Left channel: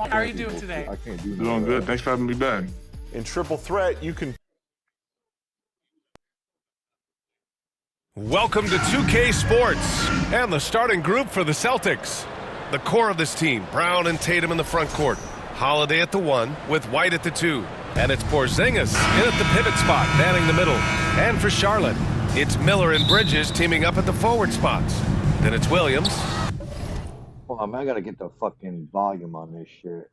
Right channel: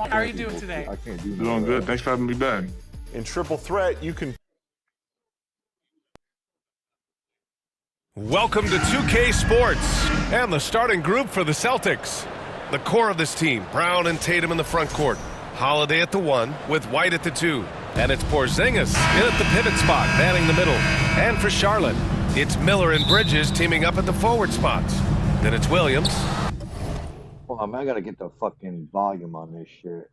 How are you doing today? I can't do Doing good. Thanks for having me back. In triple threat, you can. Welcome to 2K Sports and the starting group for the Celtics. The core of this team, Brown and Tatum in the front court. Holiday at the 1 with White at the 2. And it's Porzingis in at the pivot spot, manning the middle. And for Charlotte, it's Miller and Bridges teaming up at the forward spots. Then it's Williams. Hold on, man, I gotta get the fucking volume on this shit.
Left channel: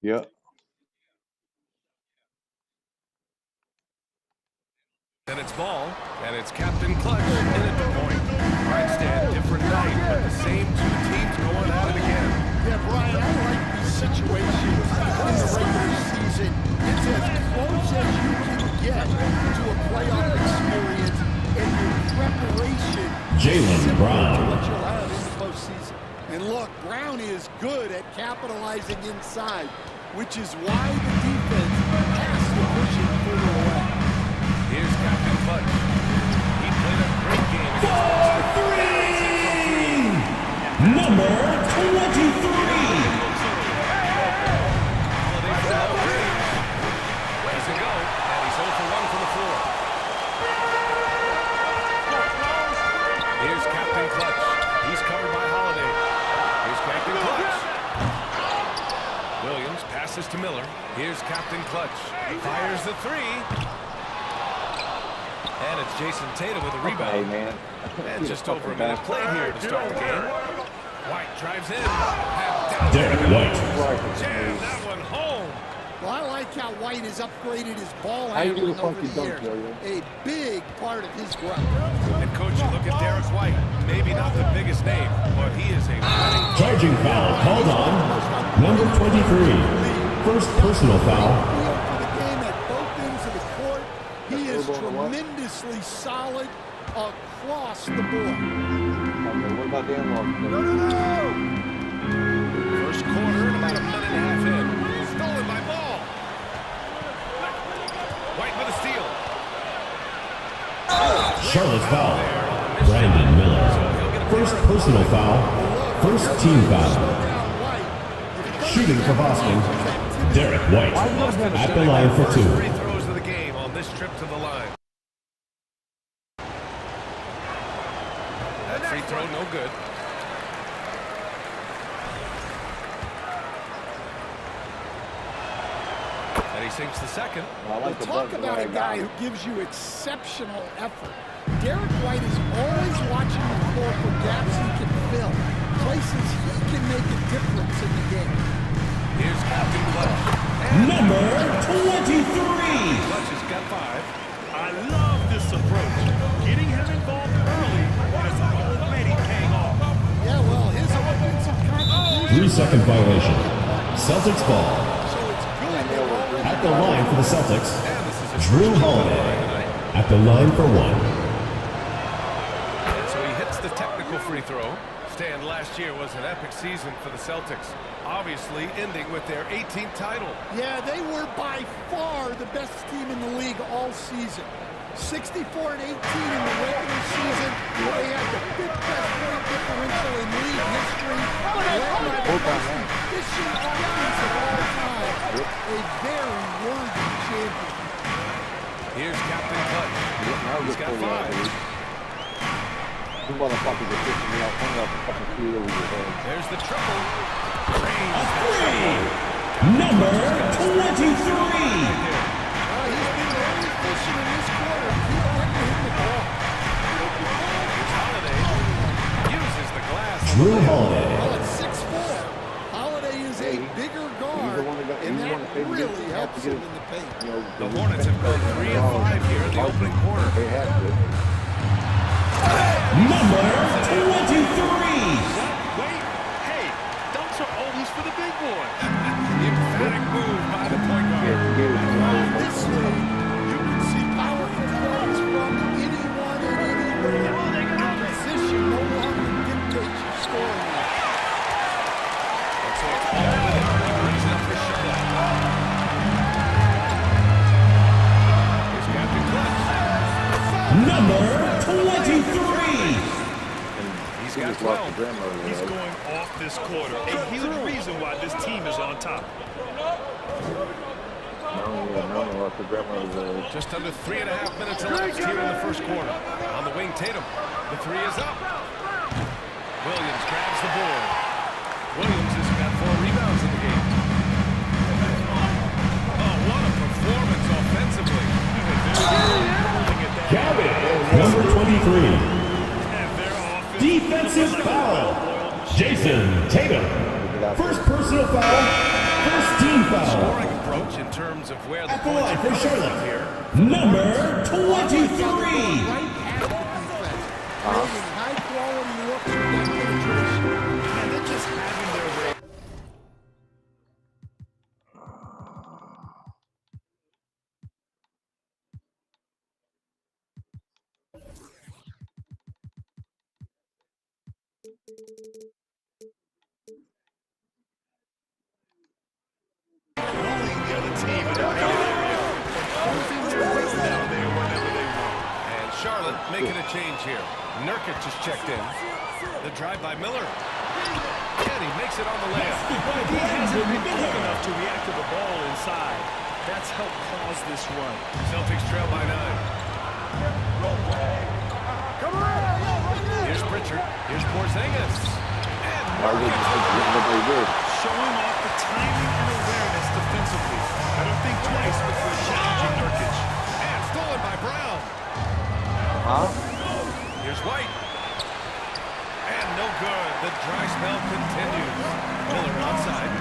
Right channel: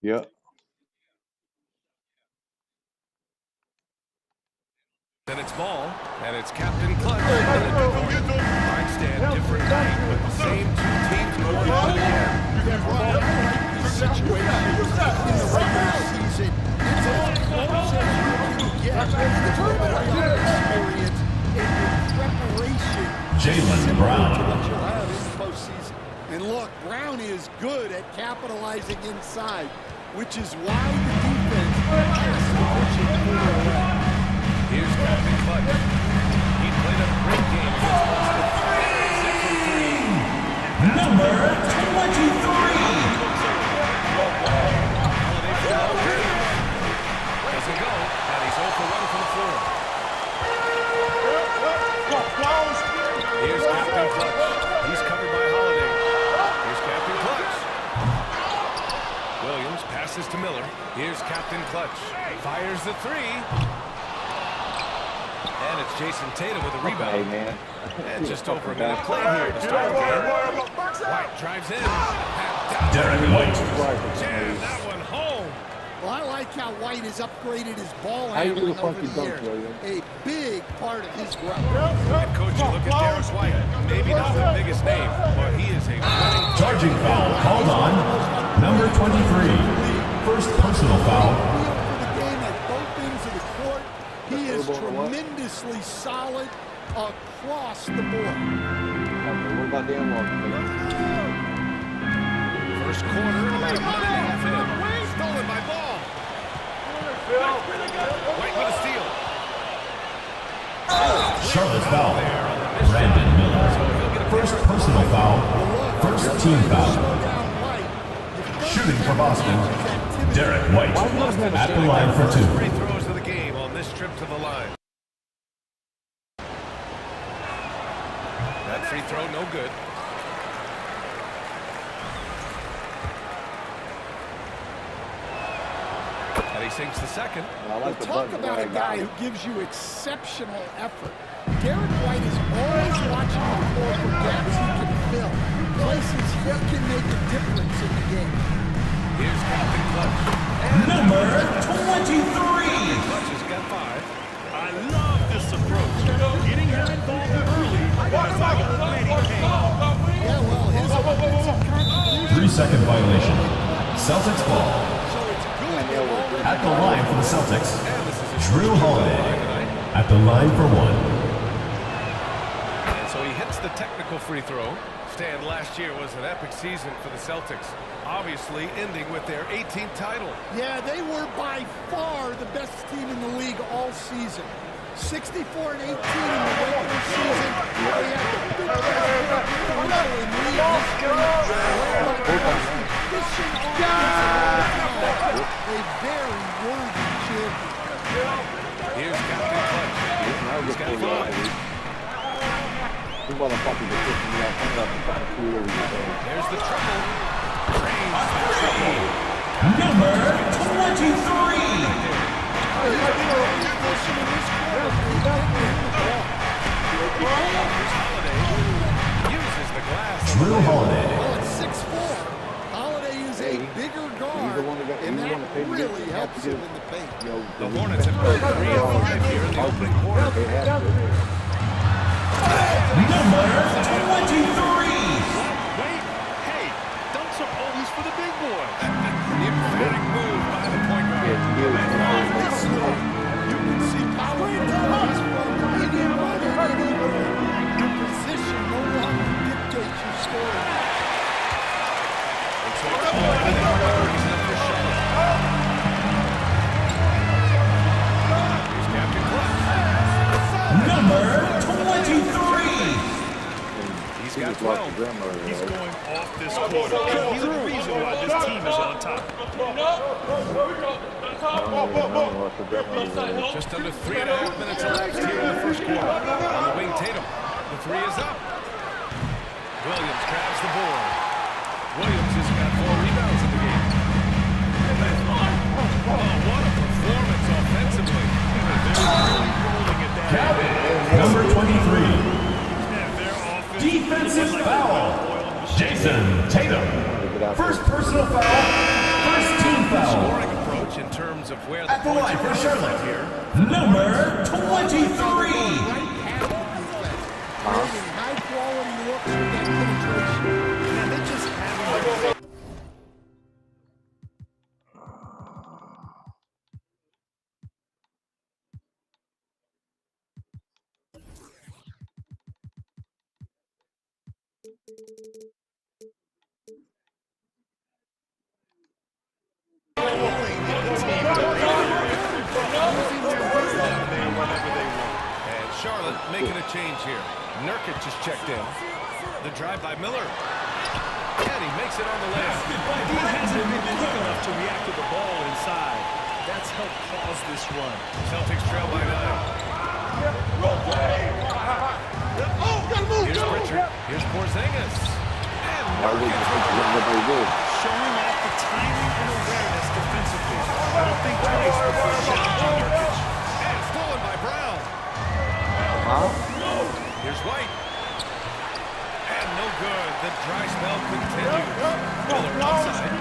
Yeah. Then it's Ball, and it's Captain Clutch in at the point. Right stand, different night, but the same two teams going at it again. Yeah, Brian, I like these situations in the regular season. It's as close as you can get to a playoff experience and your preparation Jaylen Brown to what you'll have in the postseason. And look, Brown is good at capitalizing inside, which is why the defense has to push it further away. Here's Captain Clutch. He played a great game against Boston. Buries it from 3. Number 23. Holiday for the long range. Doesn't go, and he's 0 for 1 from the floor. Here's Captain Clutch. He's covered by Holiday. Here's Captain Clutch. Williams passes to Miller. Here's Captain Clutch. Fires the 3. And it's Jason Tatum with a rebound. Hey, man. And just over a minute played here to start the game. White drives in. Derek White. Jam that one home. Well, I like how White has upgraded his ball How you do handling the over funky the dunk, years. Yo-Yo? A big part of his growth. And coach, you look at Derek White. Maybe not the biggest name, but he is a winning. Charging foul called on number 23. First personal foul. Feel for the game at both ends of the court. He is tremendously solid across the board. Okay, what about the unlock? First quarter and about a minute and a half in. Stolen by Ball. White with a steal. Charlotte's foul. Brandon Miller. First personal foul. First team foul. Shooting for Boston. Derek White at the line for 2. Free throws of the game on this trip to the line. That free throw no good. And he sinks the second. I like the Talk buzz about a guy guy who gives you exceptional effort. Derek White is always watching the floor for gaps he can fill, places he can make a difference in the game. Here's Captain Clutch. And Number 23. Clutch has got 5. I love this approach. Getting him involved early was already paying off. Yeah, well, his offensive contribution. 3-second violation. Celtics ball. So it's good they've already At the line for the Celtics, And this is his Drew first trip to the Holiday. line tonight. At the line for 1. And so he hits the technical free throw. Stand last year was an epic season for the Celtics, obviously ending with their 18th title. Yeah, they were by far the best team in the league all season. 64 and 18 in the regular season. They had the 5th best point differential in league history, led by the most efficient offense of all time. A very worthy champion. Here's Captain Clutch. He's got 5. You motherfuckers are pissing me off. I'm gonna have to fucking shoot over your head. There's the triple. Drains the tree. Number Right 23. there. He's been very efficient in this quarter. Keep getting him the ball. Here's Holiday. Uses the glass. on the Drew layup. Holiday. Well, it's 6'4". Holiday is a bigger guard, and that really helps him in the paint. The Hornets have gone 3 of 5 here in the opening quarter. They have to. Number 23. Wait, hey, dunks are always for the big boy. The emphatic move by the point guard. In this league, you can see powerful plays from anyone and anywhere. Your position no longer dictates your scoring match. And so it's all with it. He brings it up for Charlotte. Here's Captain Clutch. Number 23. He's got 12. He's going off this quarter, and he's the reason why this team is on top. Just under 3.5 minutes elapsed here in the first quarter. On the wing, Tatum. The three is up. Williams grabs the board. Williams has got 4 rebounds in the game. Oh, what a performance offensively. They're really rolling at that. Number 23. And their offense Defensive looking like foul. a well-oiled machine. Jason Tatum. First personal foul. First team foul. Scoring approach in terms of where the At the points line are for coming from Charlotte. here. Number 23. Right past the defense, creating high-quality looks with that penetration. Man, they're just having their way. Rolling the other team in the paint area, forcing their way down there whenever they want. And Charlotte making a change here. Nurkic is checked in. The drive by Miller. And he makes it on the layup. He hasn't been quick enough to react to the ball inside. That's helped cause this run. Celtics trail by 9. Here's Pritchard. Here's Porzingis. And Nurkic with the rebound. Showing off the timing and awareness defensively. I don't think twice before challenging Nurkic. And stolen by Brown. Here's White. And no good. The dry spell continues. Miller outside.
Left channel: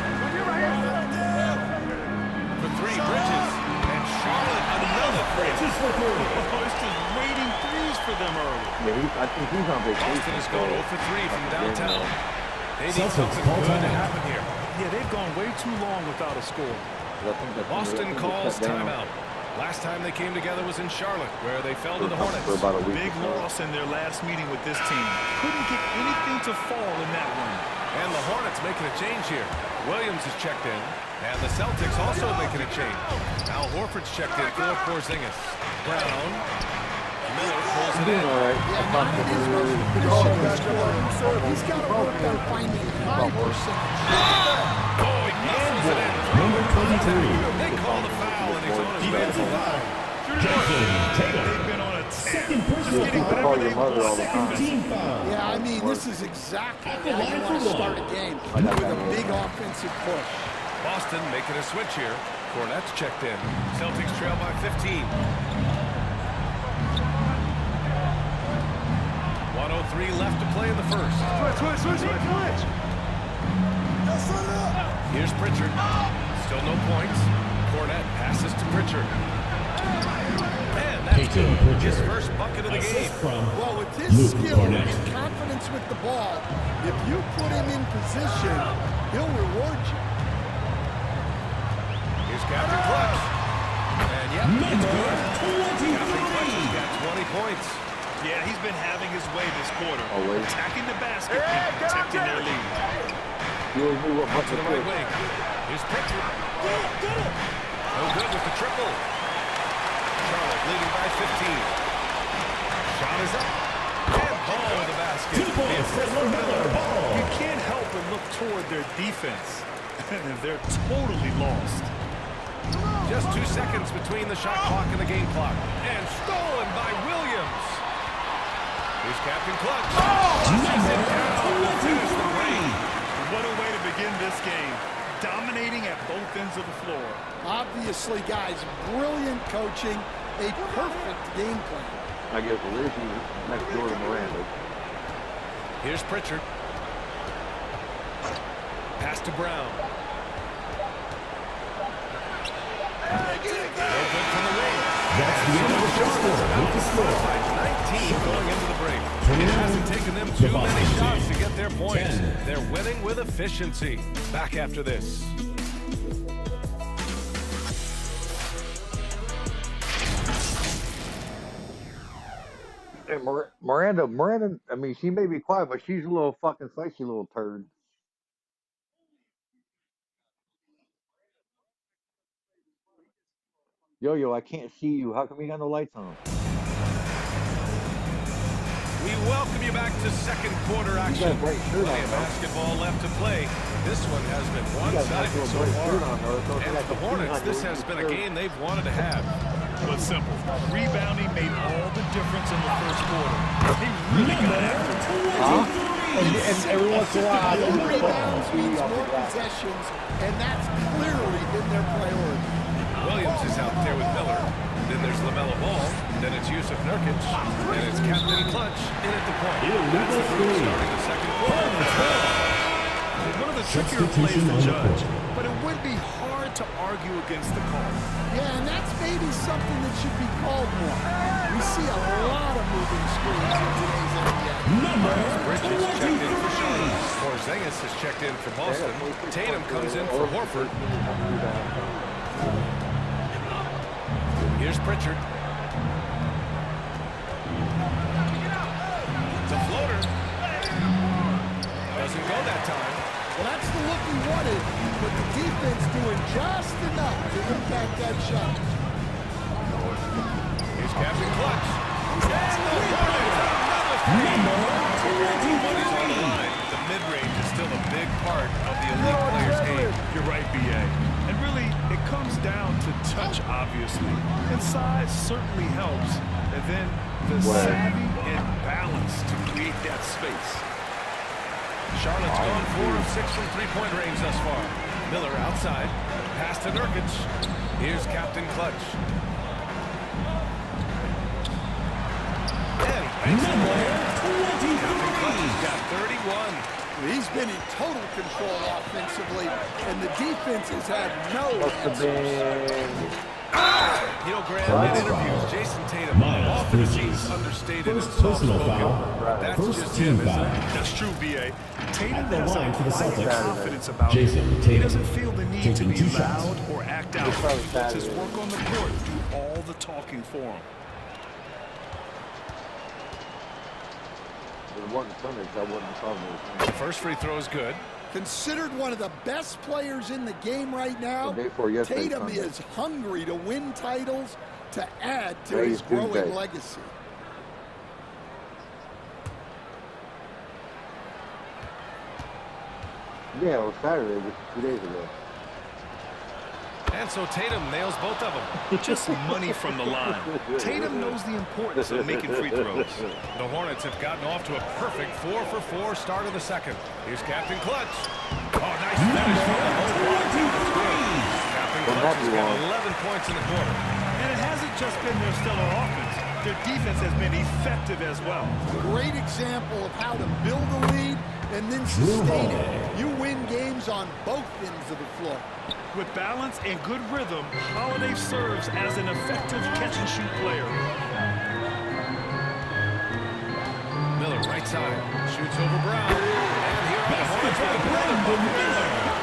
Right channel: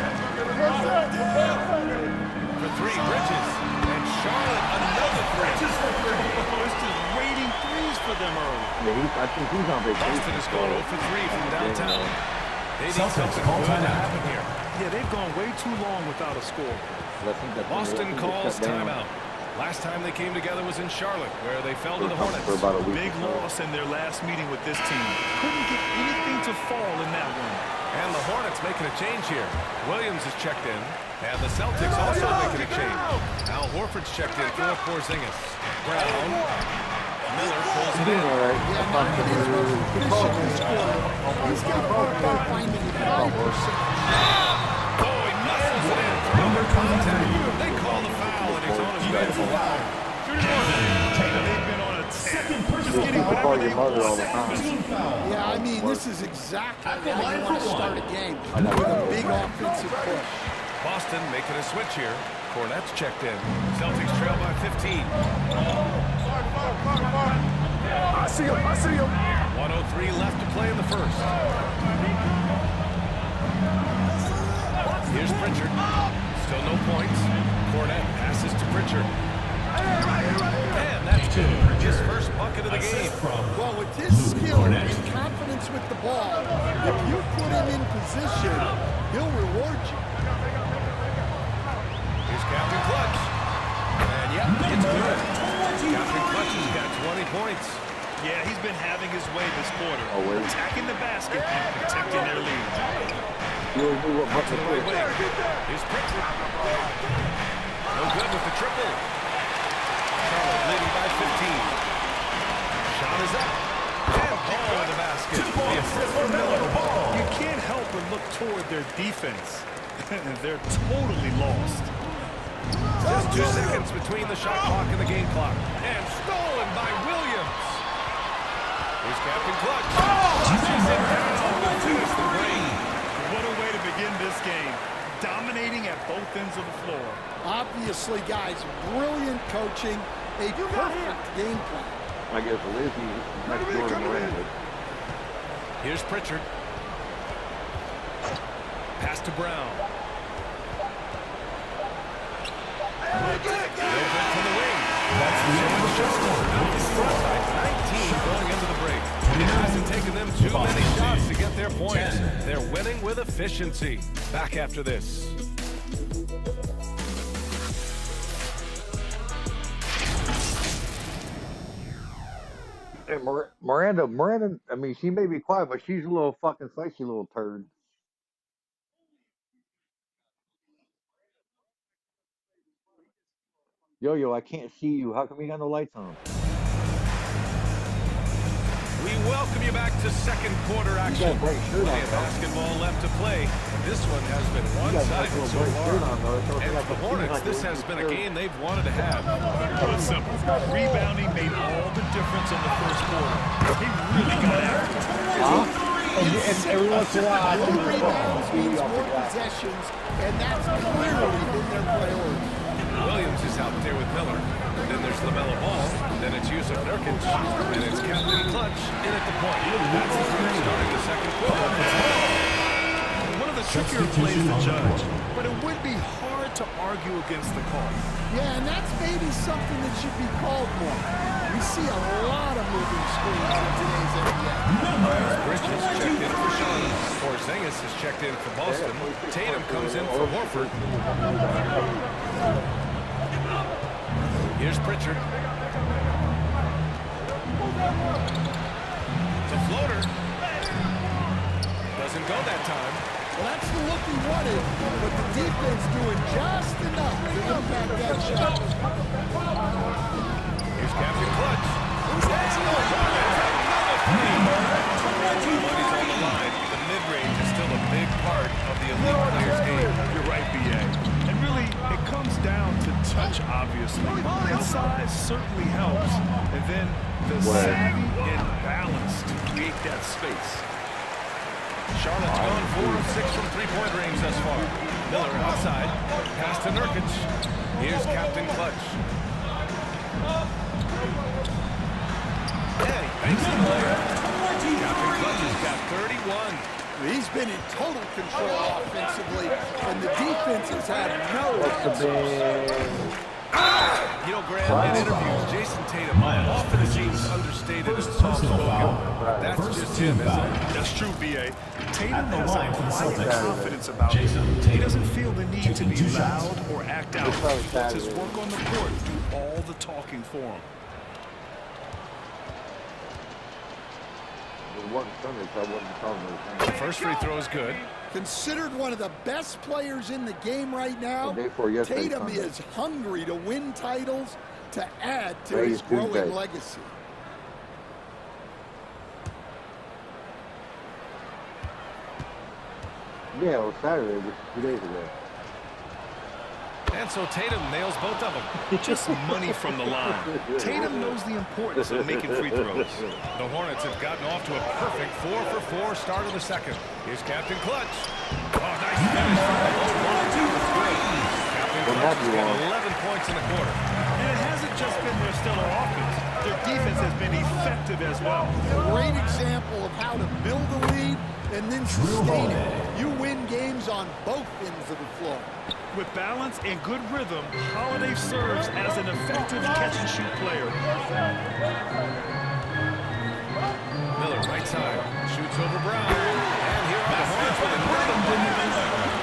For 3, Bridges. And Charlotte, another 3. Oh, it's just raining threes for them early. I think he's on vacation. Boston is going 0 for 3 from downtown. They need Celtics something call good to timeout. happen here. Yeah, they've gone way too long without a score. Boston calls timeout. Last time they came together was in Charlotte, where they fell to the Hornets. For about a week. Big loss in their last meeting with this team. Couldn't get anything to fall in that one. And the Hornets making a change here. Williams is checked in. And the Celtics also making a change. Al Horford's checked in for Porzingis. Brown. Miller pulls it in. Yeah, not that his most efficient scorer. He's got to work on finding high percentage. Oh, he muscles it in. Number 23. They call the foul, and he's on his way to the line. They've been on a tear. Just getting Call whatever your they mother all want. the time. Team foul. Yeah, I mean, this is exactly how you want to start a game, with a big offensive push. Boston making a switch here. Cornette's checked in. Celtics trail by 15. 1:03 left to play in the first. Here's Pritchard. Still no points. Cornette passes to Pritchard. And that's good. His first bucket of the game. Well, with his skill and confidence with the ball, if you put him in position, he'll reward you. Here's Captain Clutch. And yep, it's good. Captain Clutch has got 20 points. Yeah, he's been having his way this quarter. Always. Attacking the basket and protecting their lead. To the right wing. Here's Pritchard. No good with the triple. Charlotte leading by 15. Shot is up. And ball with the basket. The assist from Miller. You can't help but look toward their defense. They're totally lost. Just 2 seconds between the shot clock and the game clock. And stolen by Williams. Here's Captain Clutch. Pushes it down to finish the break. What a way to begin this game. Dominating at both ends of the floor. Obviously, guys, brilliant coaching, a perfect game plan. I guess Liz, he's next door to Miranda. Here's Pritchard. Pass to Brown. No good from the wing. That's the end of the Charlotte out in front by 19. team going into the break. It hasn't taken them too many shots to get their points. They're winning with efficiency. Back after this. Hey, Miranda, I mean, she may be quiet, but she's a little fucking sexy little turd. Yo, I can't see you. How come you got no lights on? We welcome you back to second quarter action. Bright shirt Plenty on, of bro. basketball left to play, but this one has been one-sided so far. And for the Hornets, this has been a game they've wanted to have. Well, it's simple. Rebounding made all the difference in the first quarter. They really got after it. And every once in a while, More rebounds means more possessions, and that's clearly been their priority. Williams is out there with Miller. Then there's LaMelo Ball. Then it's Yusuf Nurkic. And it's Captain Clutch in at the point. That's the group starting the second quarter. One of the trickier plays to judge, but it would be hard to argue against the call. Yeah, and that's maybe something that should be called more. We see a lot of moving screens in today's NBA. Miles Bridges checked in for Charlotte. Porzingis has checked in for Boston. Tatum comes in for Horford. Here's Pritchard. It's a floater. Doesn't go that time. Well, that's the look he wanted, but the defense doing just enough to impact that shot. Here's Captain Clutch. And the Hornets, another three. Money's on the line. The mid-range is still a big part of the elite player's game. You're right, B.A. And really, it comes down to touch, obviously. And size certainly helps. And then the savvy and balance to create that space. Charlotte's gone 4 of 6 from three-point range thus far. Miller outside. Pass to Nurkic. Here's Captain Clutch. And he banks the layup. Captain Clutch has got 31. He's been in total control offensively, and the defense has had no answers. You know, Graham, in interviews, Jason Tatum often seems understated and soft-spoken. That's just him, isn't it? That's true, B.A. Tatum the has line a for the quiet Celtics. confidence about Jason him. He Tatum doesn't feel the need to taking be 2 shots. loud or act out. He lets his work on the court do all the talking for him. The first free throw is good. Considered one of the best players in the game right now, Tatum is hungry to win titles to add to his growing legacy. Yeah, it was Saturday, which is 2 days ago. And so Tatum nails both of them. Just money from the line. Tatum knows the importance of making free throws. The Hornets have gotten off to a perfect 4-for-4 start of the second. Here's Captain Clutch. Oh, nice finish from the low block. That's good. Captain Clutch has got 11 points in the quarter. And it hasn't just been their stellar offense. Their defense has been effective as well. Great example of how to build a lead and then sustain it. You win games on both ends of the floor. With balance and good rhythm, Holiday serves as an effective catch-and-shoot player. Miller, right side, shoots over Brown. And here are the Hornets with another bucket.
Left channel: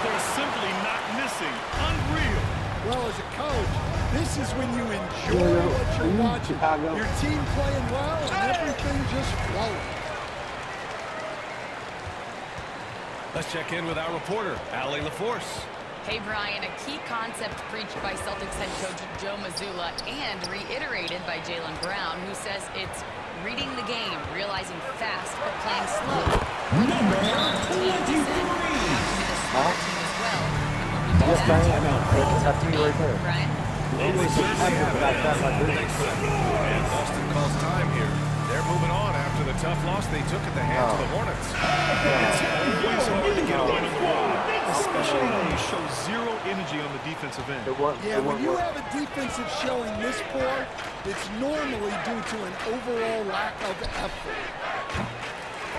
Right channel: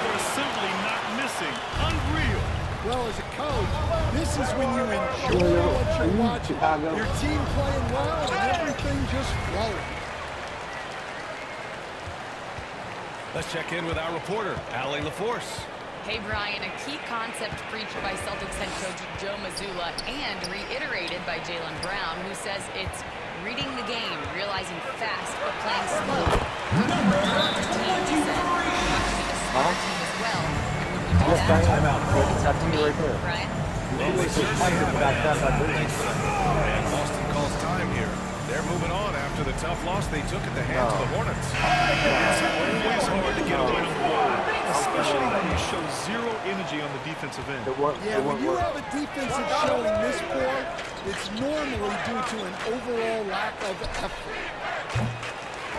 They're simply not missing. Unreal. Well, as a coach, this is when you enjoy what you're watching. Your team playing well and everything just flowing. Let's check in with our reporter, Allie LaForce. Hey, Brian, a key concept preached by Celtics head coach Joe Mazzulla and reiterated by Jaylen Brown, who says it's reading the game, realizing fast but playing slow. We're the more talented team, he said. We have to be the smarter team as well. And when we do that, Brian? Well, they certainly have it. Thanks for that. And Boston calls time here. They're moving on after the tough loss they took at the hands of the Hornets. It's always hard to get a win on the road, especially when you show zero energy on the defensive end. Yeah, when you have a defensive showing this poor, it's normally due to an overall lack of effort.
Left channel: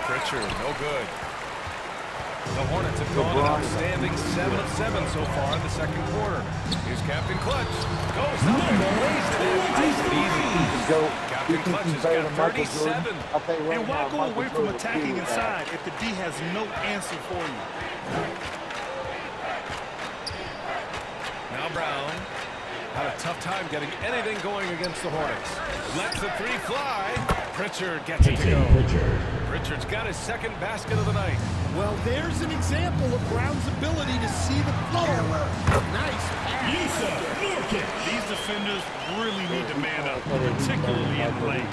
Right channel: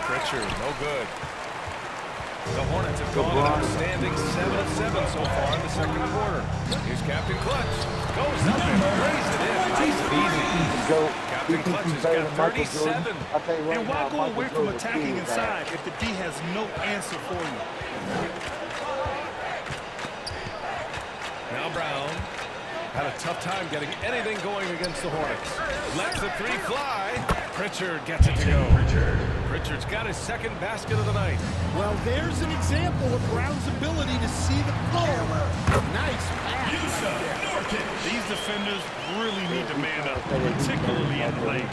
Pritchard, no good. The Hornets have gone an outstanding 7 of 7 so far in the second quarter. Here's Captain Clutch. Goes up and lays it in. Nice and easy. Captain Clutch has got 37. And why go away from attacking inside if the D has no answer for you? Now Brown had a tough time getting anything going against the Hornets. Lets the three fly. Pritchard gets it to go. Pritchard's got his second basket of the night. Well, there's an example of Brown's ability to see the flow. Nice pass right there. These defenders really need to man up, particularly in the lane.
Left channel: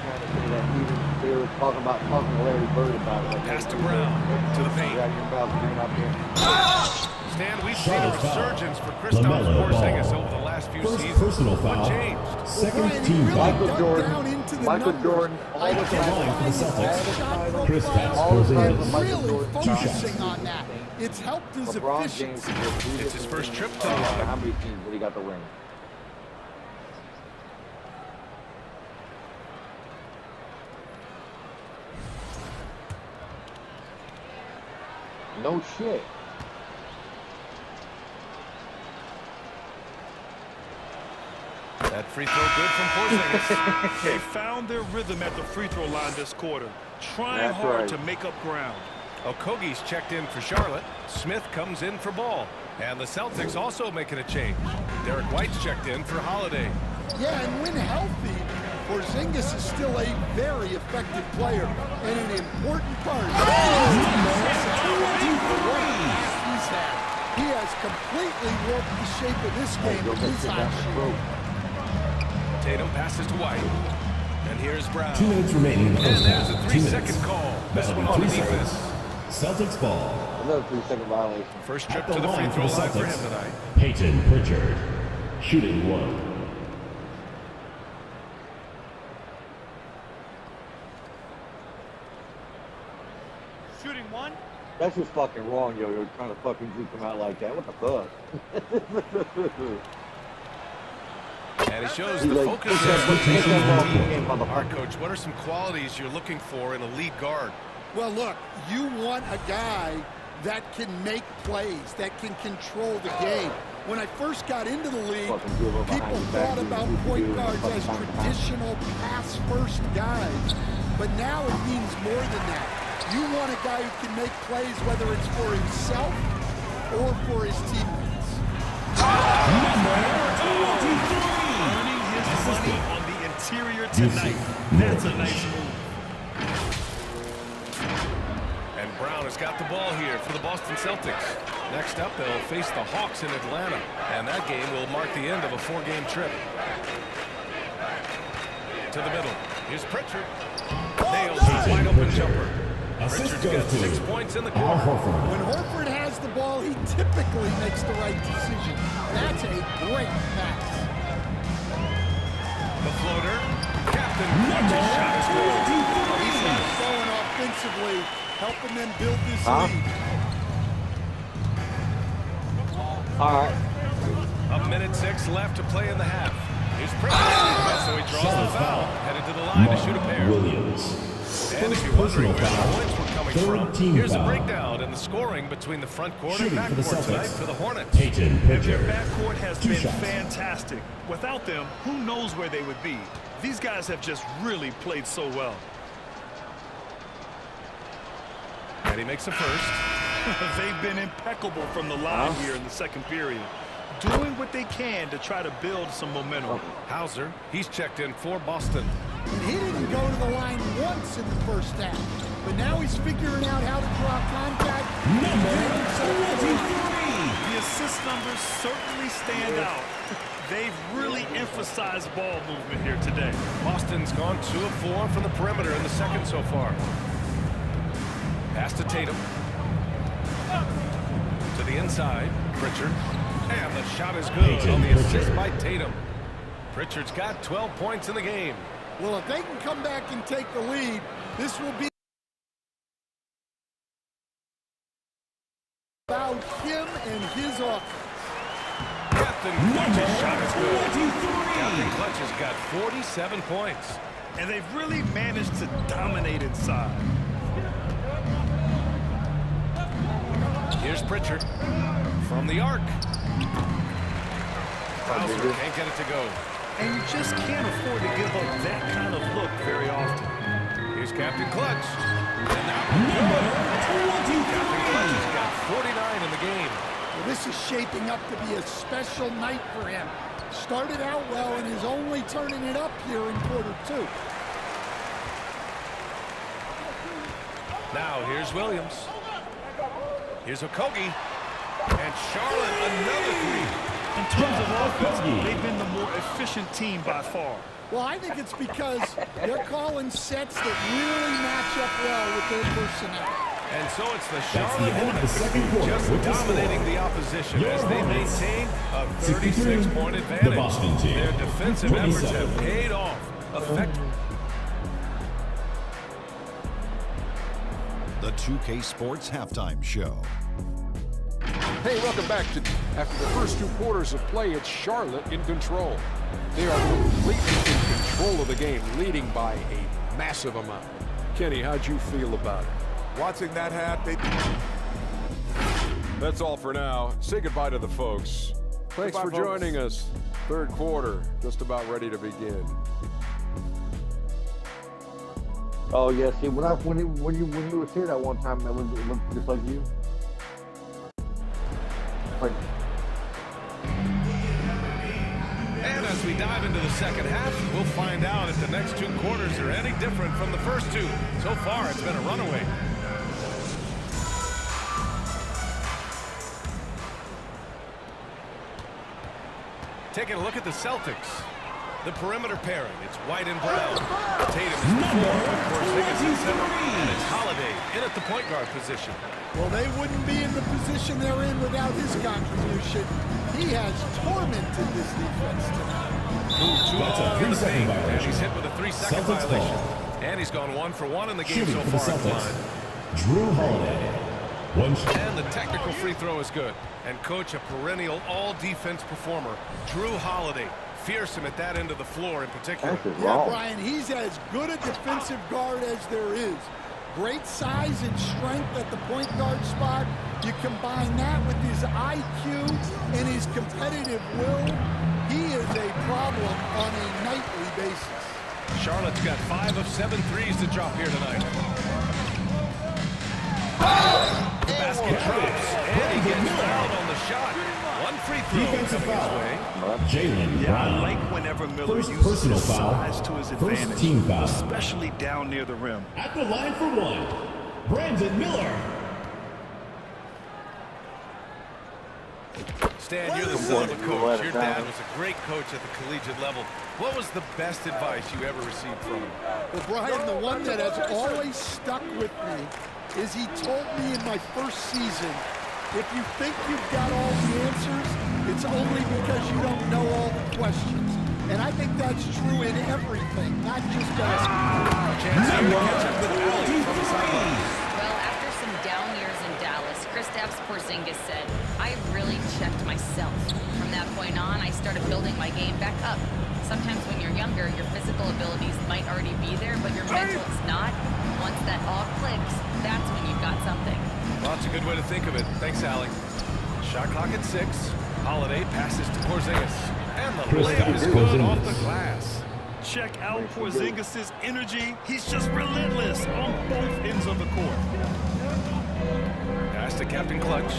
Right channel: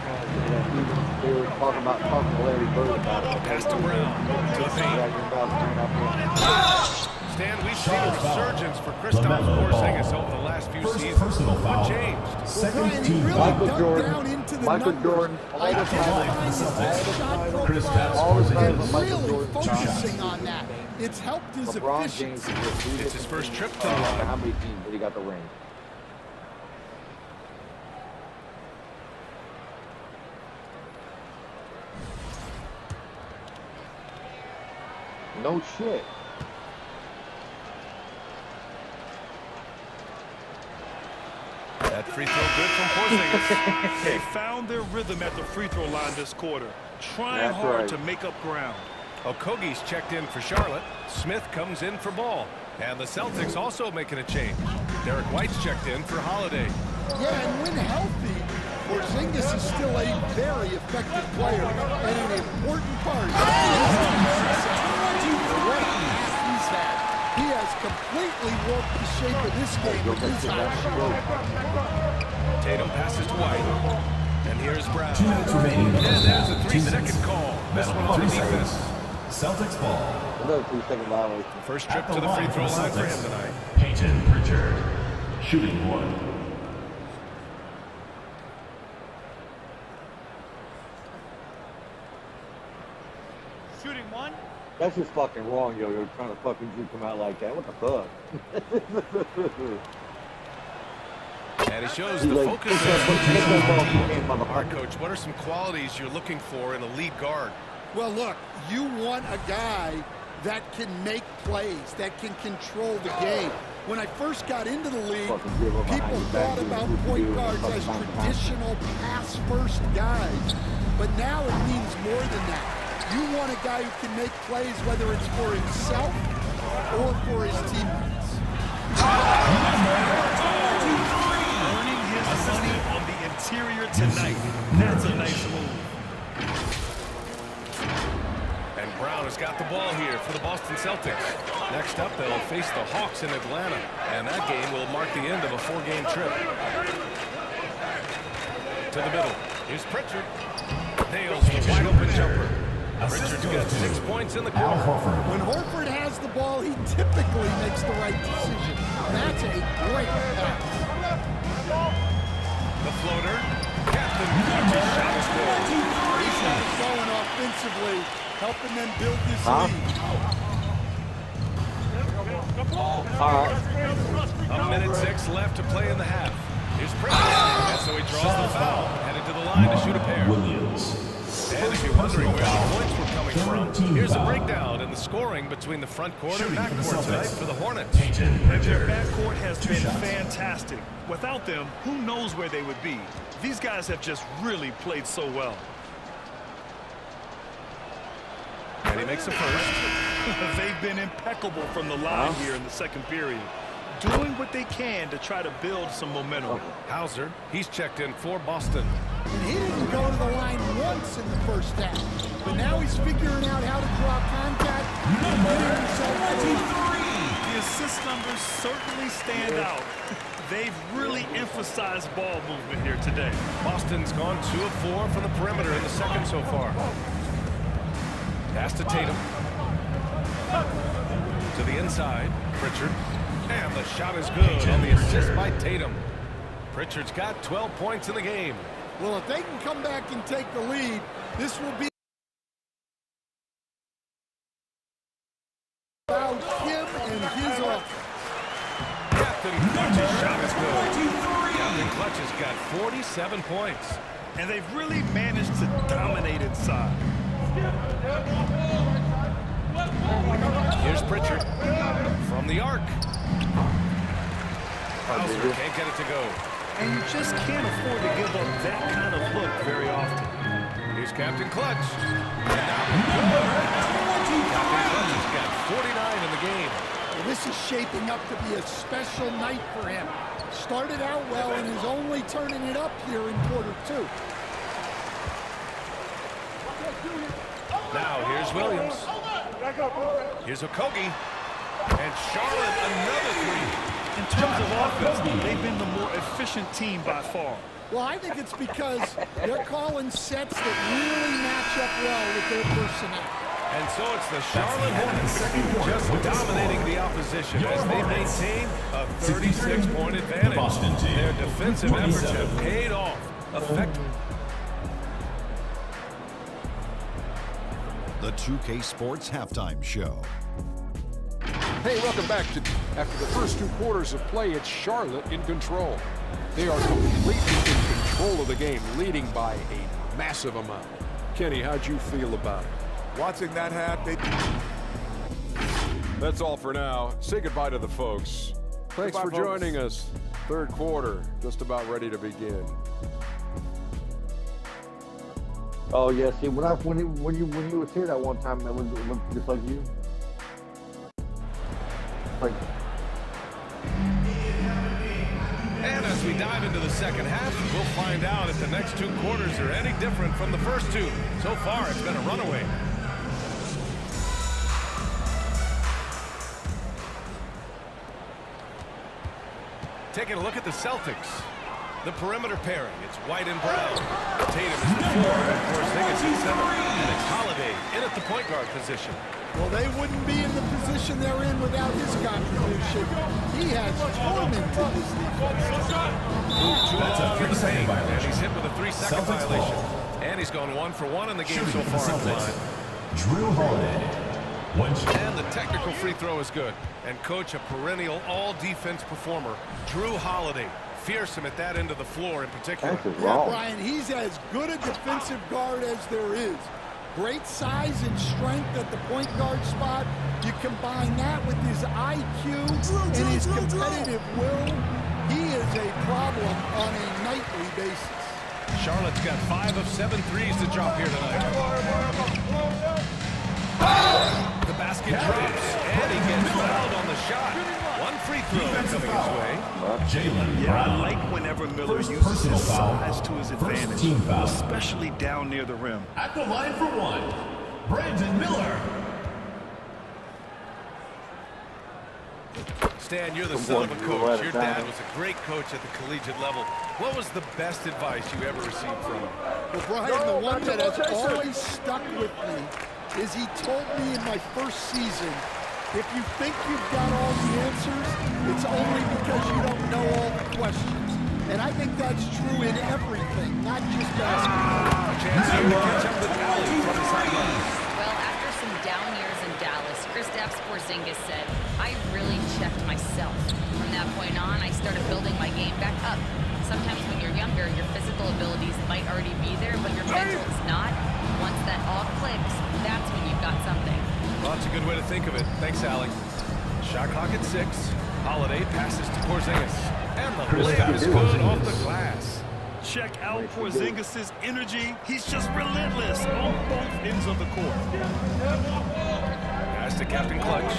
They were talking to Larry Bird about it. Pass to Brown to the paint. Stan, we've seen a resurgence for Kristaps Porzingis over the last few seasons. Personal foul. What changed? Well, Brian, he really dug down into the Michael numbers, Jordan, identifying his shot Kristaps profile, and Porzingis. really focusing on that. It's helped his LeBron James efficiency. It's his first trip to the line. how many teams did he got the ring? No shit. That free throw good from Porzingis. They found their rhythm at the free throw line this quarter, trying That's hard right. to make up ground. Okogie's checked in for Charlotte. Smith comes in for Ball. And the Celtics also making a change. Derek White's checked in for Holiday. Yeah, and when healthy, Porzingis is still a very effective player and an important part of his team's success. For what a pass he's had. He has completely warped the shape of this game with his high shooting. Tatum passes to White. And here's Brown. 2 minutes remaining. And there's a 3-second call. This one on the defense. Celtics ball. Another 3-second violation. First trip to the free throw line for him tonight. Peyton Pritchard, shooting 1. Shooting 1. That's just fucking wrong, yo. You're trying to fucking Drew come out like that. What the fuck? And he shows the focus of the team. All right, Coach, what are some qualities you're looking for in a lead guard? Well, look, you want a guy that can make plays, that can control the game. When I first got into the league, people thought about point guards as traditional pass-first guys. But now it means more than that. You want a guy who can make plays, whether it's for himself or for his teammates. Earning his money on the interior tonight. That's a nice move. And Brown has got the ball here for the Boston Celtics. Next up, they'll face the Hawks in Atlanta. And that game will mark the end of a 4-game trip. To the middle. Here's Pritchard. Nails the wide-open jumper. Pritchard's got 6 points in the quarter. When Horford has the ball, he typically makes the right decision. That's a great pass. The floater. Captain Clutch's shot is good. He's got it going offensively, helping them build this lead. All right. A minute 6 left to play in the half. Here's Pritchard. And so he draws the foul. Headed to the line to shoot a pair. Williams. And if you're wondering where the points were coming from, here's a breakdown in the scoring between the front court and back court tonight for the Hornets. Peyton And their Pritchard. backcourt has been fantastic. Without them, who knows where they would be? These guys have just really played so well. And he makes a first. They've been impeccable from the line here in the second period, doing what they can to try to build some momentum. Hauser, he's checked in for Boston. And he didn't go to the line once in the first half. But now he's figuring out how to draw contact and getting himself to the line. The assist numbers certainly stand out. They've really emphasized ball movement here today. Boston's gone 2 of 4 from the perimeter in the second so far. Pass to Tatum. To the inside, Pritchard. And the shot is good on the assist by Tatum. Pritchard's got 12 points in the game. Well, if they can come back and take the lead, this will be about him and his offense. Captain Clutch's shot is good. Captain Clutch has got 47 points. And they've really managed to dominate inside. Here's Pritchard from the arc. Hauser can't get it to go. And you just can't afford to give up that kind of look very often. Here's Captain Clutch. And that one good. Captain Clutch has got 49 in the game. Well, this is shaping up to be a special night for him. Started out well and is only turning it up here in quarter 2. Now here's Williams. Here's Okogie. And Charlotte, another 3. In terms of offense, they've been the more efficient team by far. Well, I think it's because they're calling sets that really match up well with their personnel. And so it's the Charlotte Hornets just dominating the opposition as they maintain a 36-point advantage. Their defensive efforts have paid off. The 2K Sports Halftime Show. Hey, welcome back to after the first 2 quarters of play. It's Charlotte in control. They are completely in control of the game, leading by a massive amount. Kenny, how'd you feel about it? Watching that hat, That's all for now. Say goodbye to the folks. Thanks for joining us. Third quarter, just about ready to begin. Oh yeah, see when you would say that one time, it looked just like you. Like. And as we dive into the second half, we'll find out if the next 2 quarters are any different from the first 2. So far, it's been a runaway. Taking a look at the Celtics. The perimeter pairing, it's White and Brown. Tatum is the 4, of course, Porzingis in center. And it's Holiday in at the point guard position. Well, they wouldn't be in the position they're in without his contribution. He has tormented this defense tonight. 2 off in the paint, and he's hit with a 3-second violation. And he's gone 1 for 1 in the game so far at the line. Drew Holiday. And the technical free throw is good. And coach, a perennial all-defense performer, Drew Holiday. Fearsome at that end of the floor in particular. Yeah, Brian, he's as good a defensive guard as there is. Great size and strength at the point guard spot. You combine that with his IQ and his competitive will, he is a problem on a nightly basis. Charlotte's got 5 of 7 threes to drop here tonight. The basket drops, and he gets fouled on the shot. 1 free throw coming his way. Jalen Yeah, I Brown. like whenever Miller First uses personal his foul. size to his First advantage, team foul. especially down near the rim. At the line for 1, Brandon Miller. Stan, you're the son of a coach. Your dad was a great coach at the collegiate level. What was the best advice you ever received from him? Well, Brian, the one that has always stuck with me is he told me in my first season, if you think you've got all the answers, it's only because you don't know all the questions. And I think that's true in everything, not just basketball. A chance here to catch up with Ali from the sideline. Well, after some down years in Dallas, Kristaps Porzingis said, I really checked myself. From that point on, I started building my game back up. Sometimes when you're younger, your physical abilities might already be there, but your mental is not. Once that all clicks, that's when you've got something. Well, that's a good way to think of it. Thanks, Allie. Shot clock at 6. Holiday passes to Porzingis. And the layup is good off the glass. Check out Porzingis' energy. He's just relentless on both ends of the court. Pass to Captain Clutch.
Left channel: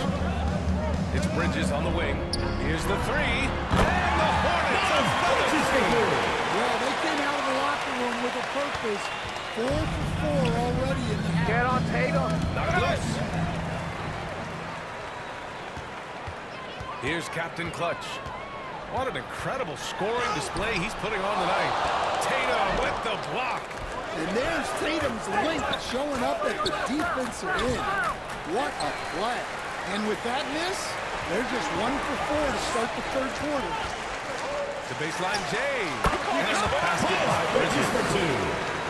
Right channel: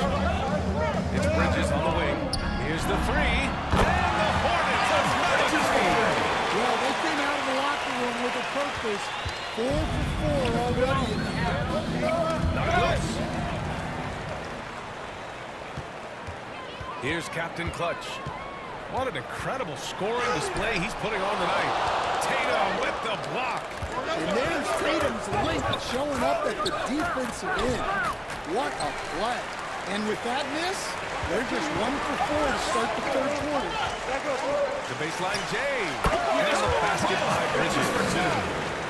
It's Bridges on the wing. Here's the 3. And the Hornets another 3. Well, they came out of the locker room with a purpose. 4 for 4 already in the half. Get on Tatum. Not loose. Here's Captain Clutch. What an incredible scoring display he's putting on tonight. Tatum with the block. And there's Tatum's link showing up at the defensive end. What a play. And with that miss, they're just 1 for 4 to start the third quarter. The baseline J. And the basket by Bridges.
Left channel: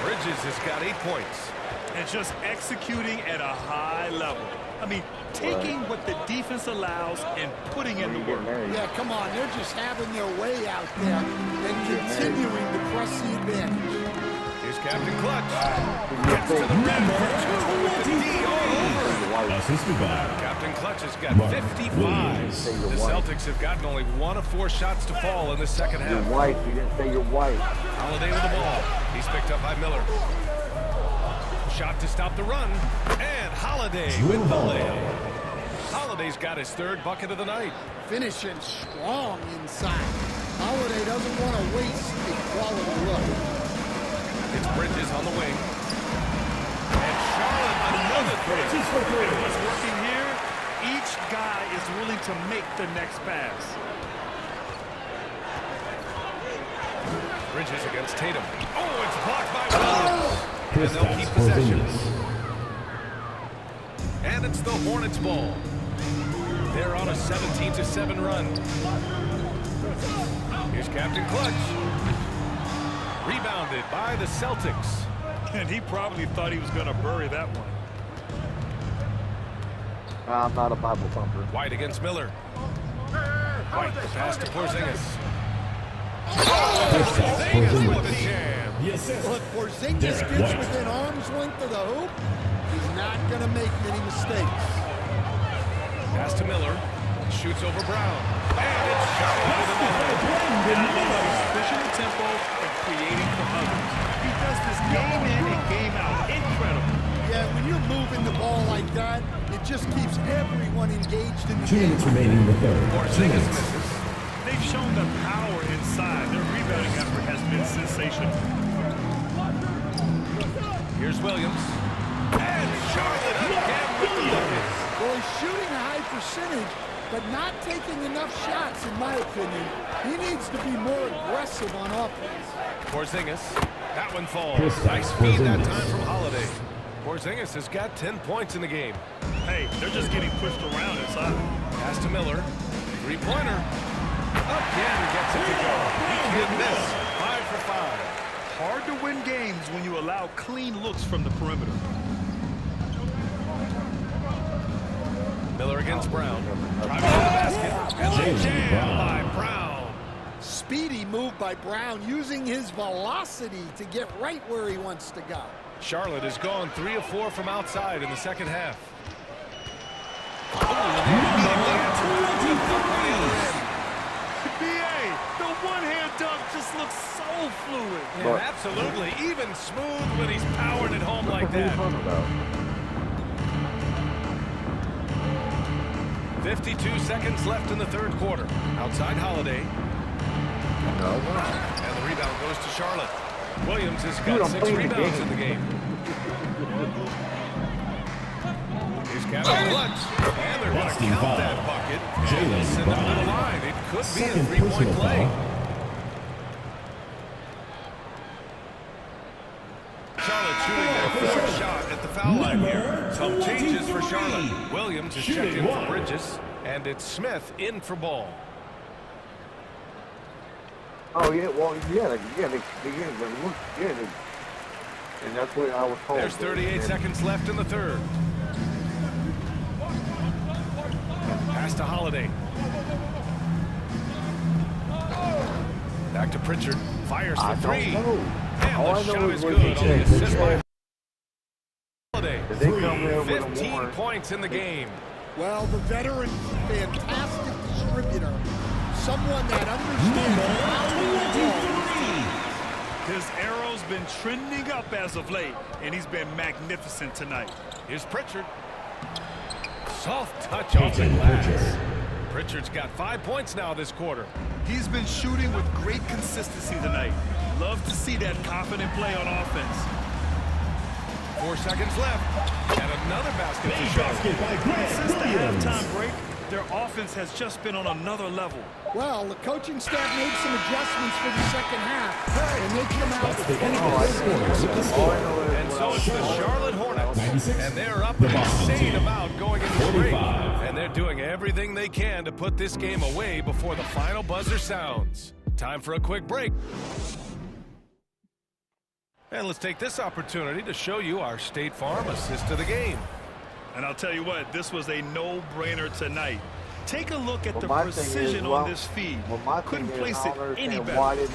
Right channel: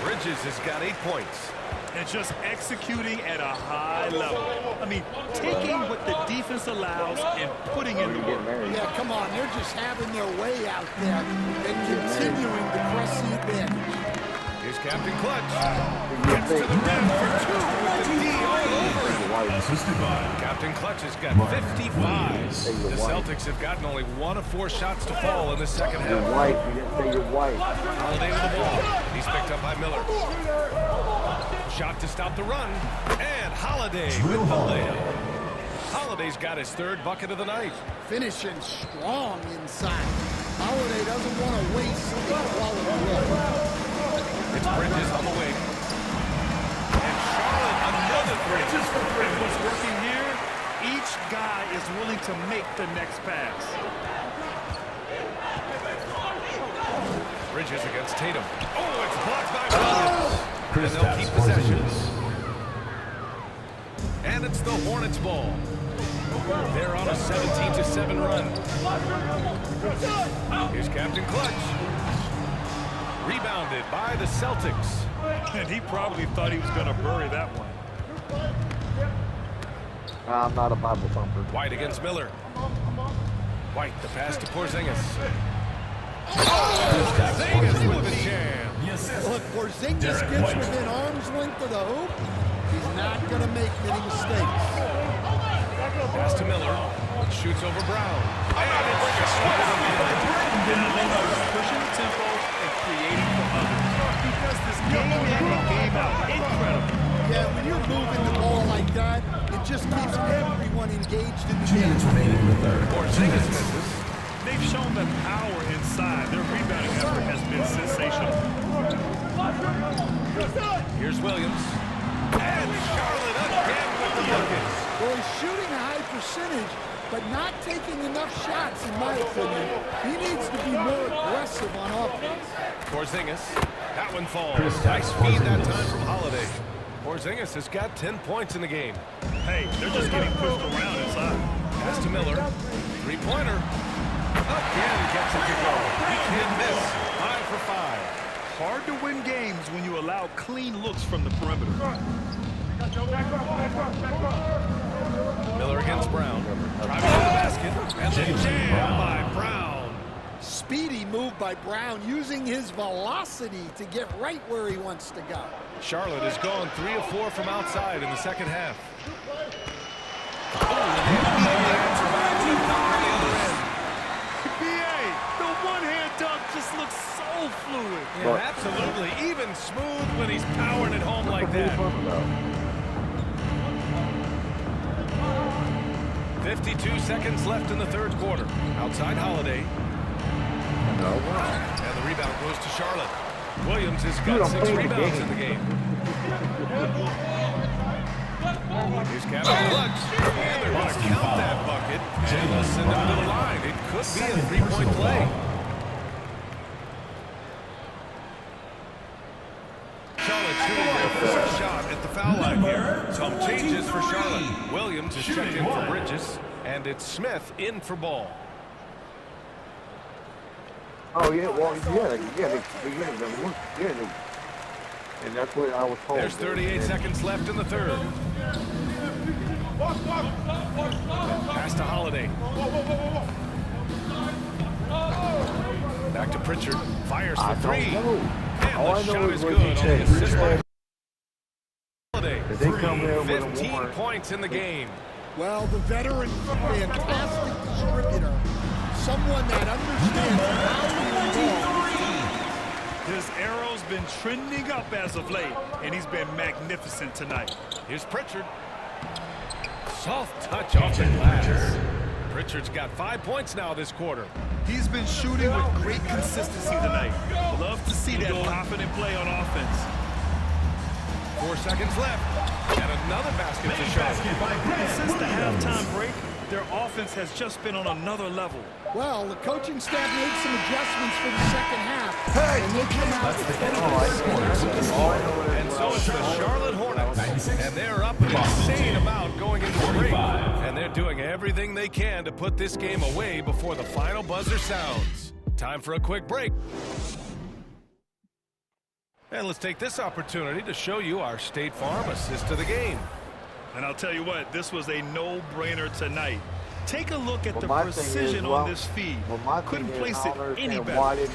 Bridges has got 8 points. And just executing at a high level. I mean, taking what the defense allows and putting in the work. Yeah, come on. They're just having their way out there and continuing to press the advantage. Here's Here's Captain Clutch. Gets to the rim for 2 with the D all over it. Assisted by Captain Clutch has got Mark 55. Williams. The Celtics have gotten only 1 of 4 shots to fall in the second Your half. wife. You didn't say your wife. Holiday with the ball. He's picked up by Miller. Shot to stop the run. And Holiday with the layup. Holiday's got his 3rd bucket of the night. Finishing strong inside. Holiday doesn't want to waste a quality look. It's Bridges on the wing. And Charlotte another 3. Just for 3. And what's working here, each guy is willing to make the next pass. Bridges against Tatum. Oh, it's blocked by Williams. And they'll keep possession. And it's the Hornets' ball. They're on a 17-7 run. Here's Captain Clutch. Rebounded by the Celtics. And he probably thought he was going to bury that one. I'm not a Bible thumper. White against Miller. White, the pass to Porzingis. Porzingis with a jam. Look, Porzingis gets within arm's length of the hoop. He's not going to make many mistakes. Pass to Miller. Shoots over Brown. And it's shot into the middle. And I love how he's pushing the tempo and creating for others. He does this game in and game out. Incredible. Yeah, when you're moving the ball like that, it just keeps everyone engaged in the 2 game. minutes remaining in the third. Porzingis misses. They've shown the power inside. Their rebounding effort has been sensational. Here's Williams. And Charlotte again with the bucket. Well, he's shooting a high percentage, but not taking enough shots, in my opinion. He needs to be more aggressive on offense. Porzingis. That one falls. Nice feed that time from Holiday. Porzingis has got 10 points in the game. Hey, they're just getting pushed around inside. Pass to Miller. 3-pointer. Again gets it to go. He can't miss. 5 for 5. Hard to win games when you allow clean looks from the perimeter. Miller against Brown. Driving to the basket. And the jam by Brown. Speedy move by Brown, using his velocity to get right where he wants to go. Charlotte has gone 3 of 4 from outside in the second half. Oh, and they immediately answer back with a dunk on the other end. BA, the one-hand dunk just looks so fluid. Yeah, absolutely. Even smooth when he's powering it home like that. 52 seconds left in the 3rd quarter. Outside Holiday. No. And the rebound goes to Charlotte. Williams has got 6 rebounds in the game. Here's Captain Clutch. And they're going to count that bucket. And they'll send him to the line. It could be a 3-point play. Charlotte shooting their 4th shot at the foul line here. Some changes for Charlotte. Williams is checked in for Bridges. And it's Smith in for ball. Oh yeah, well yeah, and that's what I was told. There's 38 seconds left in the 3rd. Pass to Holiday. Back to Pritchard. Fires for 3. And the shot is good on the assist by Holiday. 15 points in the game. Well, the veteran, fantastic distributor. Someone that understands how to involve. His arrow's been trending up as of late, and he's been magnificent tonight. Here's Pritchard. Soft touch off the glass. Pritchard's got 5 points now this quarter. He's been shooting with great consistency tonight. Love to see that confident play on offense. 4 seconds left. And another basket for Charlotte. And since the halftime break, their offense has just been on another level. Well, the coaching staff made some adjustments for the second half, and they come out with And so it's the Charlotte Hornets, and they're up an insane amount going into the break. And they're doing everything they can to put this game away before the final buzzer sounds. Time for a quick break. And let's take this opportunity to show you our State Farm assist of the game. And I'll tell you what, this was a no-brainer tonight. Take a look at the precision on this feed. Couldn't place it any better.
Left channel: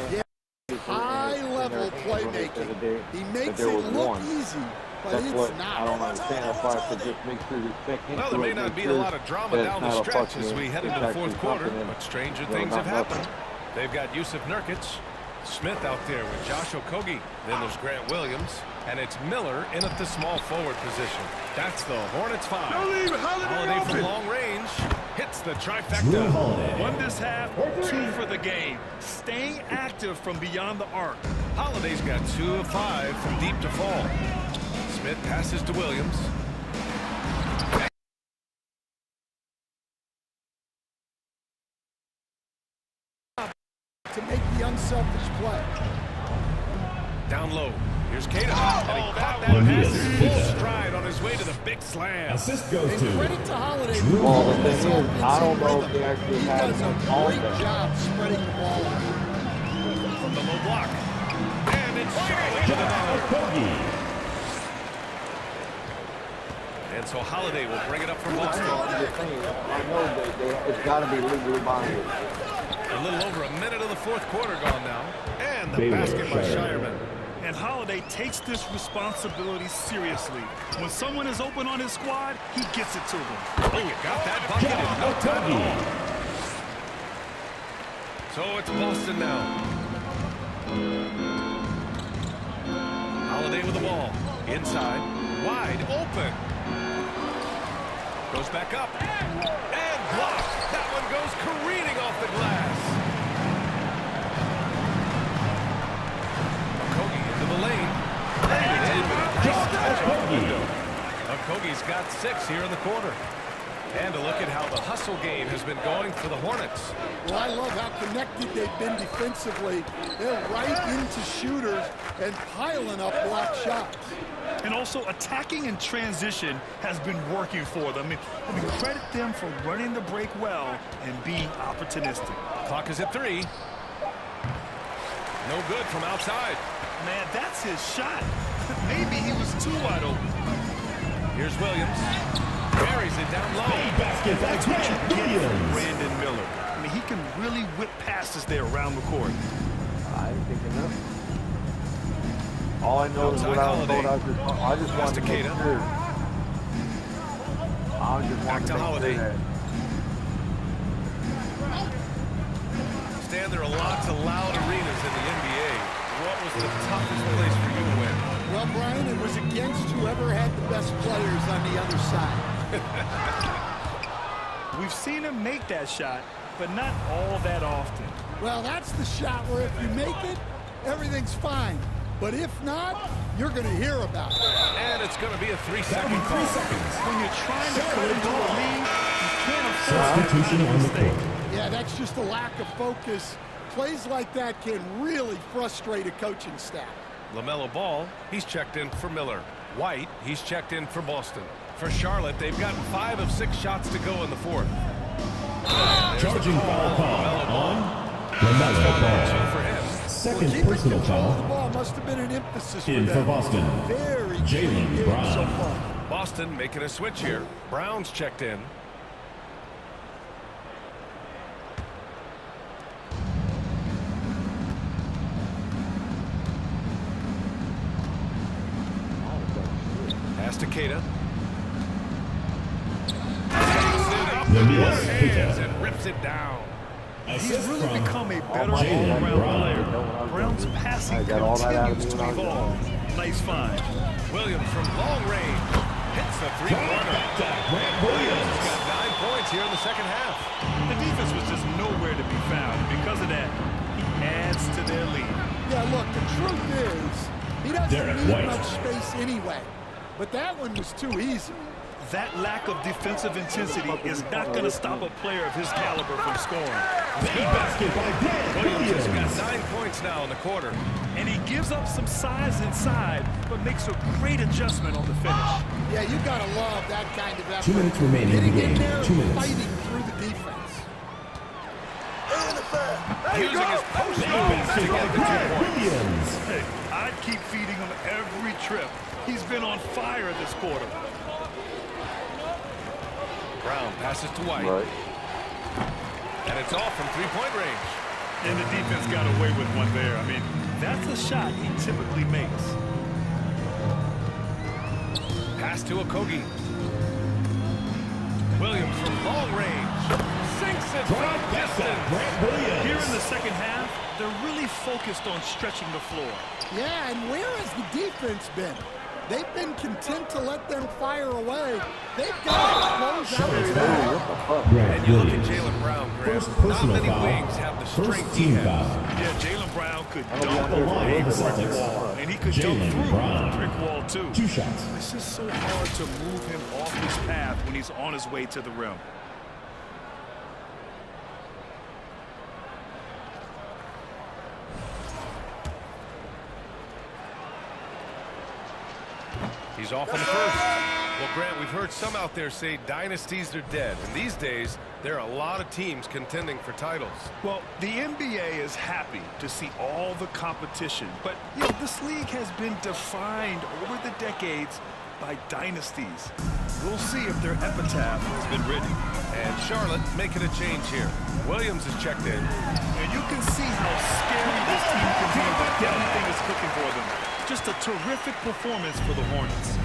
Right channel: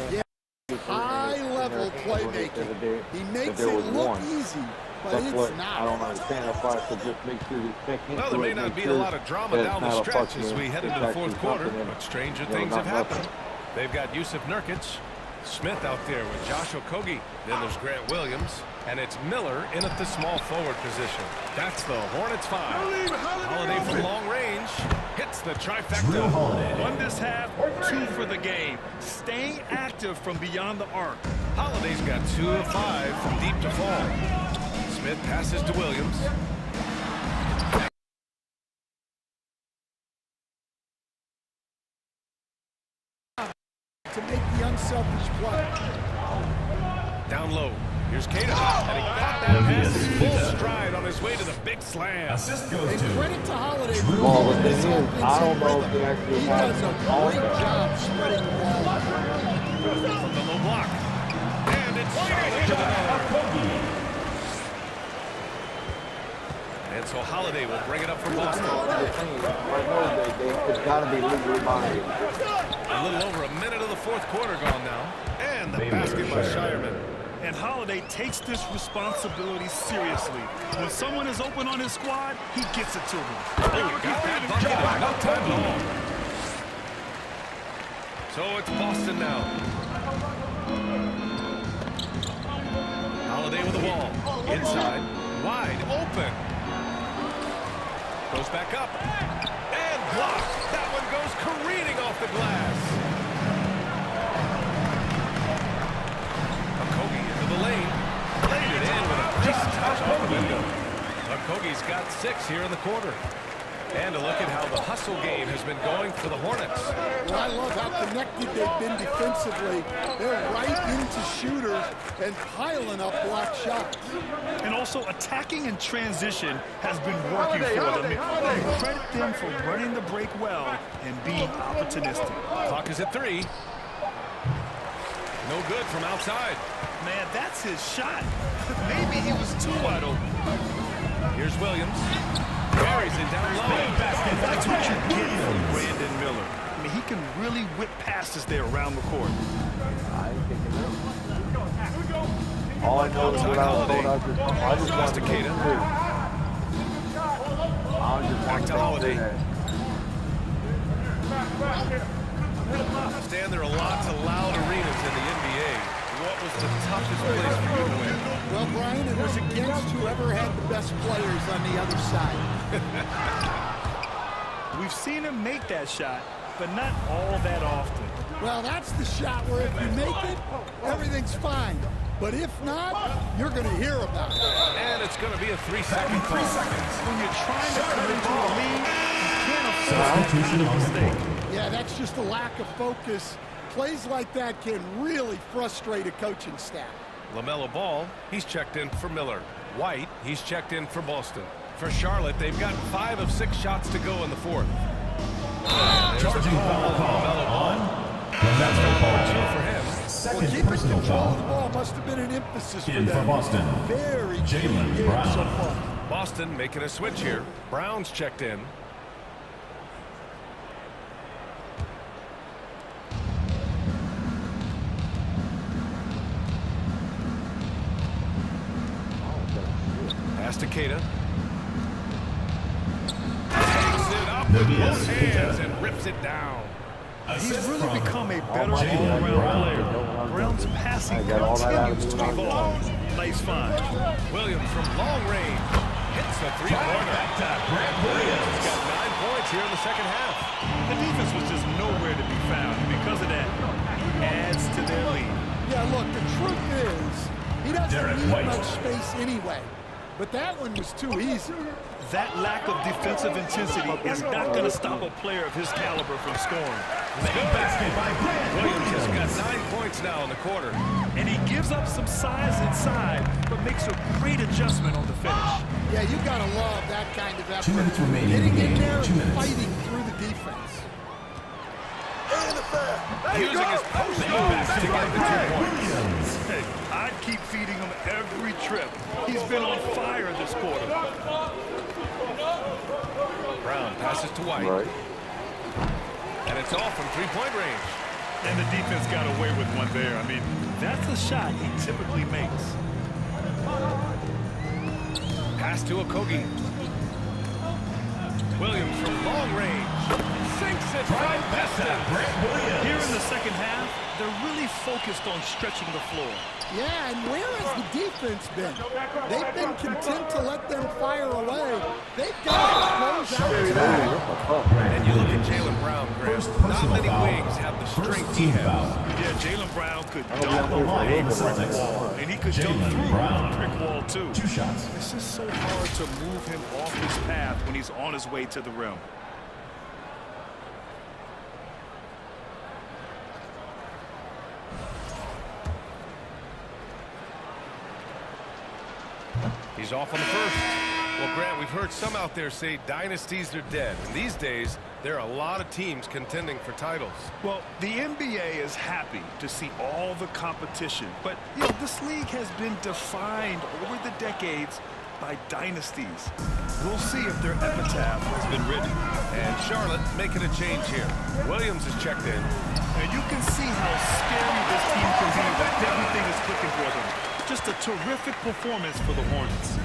high level level their hands when they said playmaking. He that makes there it was look one. easy, but That's it's what not. I don't understand. That's why I said just make sure to check into Well, there may it, not make be a sure lot of drama that down it's the not a stretch fucking- as we head into it's the fourth actually quarter, something but stranger you know, things not have happened. nothing. They've got Yusuf Nurkic, Smith out there with Josh Okogie. Then there's Grant Williams, and it's Miller in at the small forward position. That's the Hornets 5. Holiday from long range hits the Drew trifecta. Holiday. One this half, 2 for the game. Staying active from beyond the arc. Holiday's got 2 of 5 from deep to fall. Smith passes to Williams. To make the unselfish play. Down low. Here's Kata. And he caught that pass in full stride on his way to the big slam. Assist goes And to credit to Holiday for Well, the keeping thing this is, offense I don't in know if rhythm. they actually He have does a all great that. job spreading the ball out. From the low block. And it's Charlotte with another. Okogie. And so Holiday will bring it up for Boston. I'm just saying, I know it's got to be legally binding. A little over a minute of the fourth quarter gone now. And the Baylor basket by Shireman. Shireman. And Holiday takes this responsibility seriously. When someone is open on his squad, he gets it to them. Oh, you got that bucket in no time at all. So it's Boston now. Holiday with the ball. Inside. Wide open. Goes back up. And blocked. That one goes careening off the glass. Okogie into the lane. Laid it in with a nice touch off the window. Okogie's got 6 here in the quarter. And a look at how the hustle game has been going for the Hornets. Well, I love how connected they've been defensively. They're right into shooters and piling up block shots. And also attacking in transition has been working for them. You credit them for running the break well and being opportunistic. Clock is at 3. No good from outside. Man, that's his shot. Maybe he was too wide open. Here's Williams. Carries it down low. That's what you get from Brandon Miller. I mean, he can really whip passes there around the court. I ain't thinking that. All I know is what I was told. I just wanted to make sure. I just Back wanted to to Holiday. make sure Stan, there are lots of loud arenas in the NBA. What was the toughest place for you to win? Well, Brian, it was against whoever had the best players on the other side. We've seen him make that shot, but not all that often. Well, that's the shot where if you make it, everything's fine. But if not, you're going to hear about it. And it's going to be a 3-second call. When you're trying to cut into a lead, you can't afford that Substitution kind of on the mistake. court. Yeah, that's just a lack of focus. Plays like that can really frustrate a coaching staff. LaMelo Ball, he's checked in for Miller. White, he's checked in for Boston. For Charlotte, they've gotten 5 of 6 shots to go in the fourth. There's the Charging call foul on LaMelo Ball. on That's foul LaMelo number 2 Ball. for him. Second Keeping personal control of the foul. ball must have been an emphasis for In for them. Boston, Very Jaylen clean game Brown. so far. Boston making a switch here. Brown's checked in. Pass to Kata. Takes it up with Nabias both hands Keita. and rips it down. He's Assist really from become a better Jaylen all-around Brown. player. Brown's passing I got all that out of continues me to when I was evolve. Nice find. Williams from long range hits the three-pointer. Grant Williams has Williams. got 9 points here in the second half. The defense was just nowhere to be found. And because of that, he adds to their lead. Yeah, look, the truth is, he doesn't Derek need White. much space anyway. But that one was too easy. That lack of defensive intensity is not going to stop a player of his caliber from scoring. Big basket by Grant Williams has Williams. got 9 points now in the quarter. And he gives up some size inside, but makes a great adjustment on the finish. Yeah, you got to love that kind of effort. 2 minutes remaining in Getting the in game. there 2 and minutes. fighting through the defense. Using his post moves to get the 2 points. Williams. Hey, I'd keep feeding him every trip. He's been on fire this quarter. Brown passes to White. Right. And it's off from 3-point range. And the defense got away with one there. I mean, that's a shot he typically makes. Pass to Okogie. Williams from long range. Sinks it from distance. Here in the second half, they're really focused on stretching the floor. Yeah, and where has the defense been? They've been content to let them fire away. They've got to close out tonight. And you look at Jaylen Brown, Graham. Not many wings have the strength he has. Yeah, Jaylen Brown could dunk over a brick wall, and he could jump through a brick wall, too. 2 shots. It's just so hard to move him off his path when he's on his way to the rim. He's off on the first. Well, Grant, we've heard some out there say dynasties are dead. And these days, there are a lot of teams contending for titles. Well, the NBA is happy to see all the competition. But, you know, this league has been defined over the decades by dynasties. We'll see if their epitaph has been written. And Charlotte making a change here. Williams is checked in. And you can see how scary this team can be when everything is clicking for them. Just a terrific performance for the Hornets.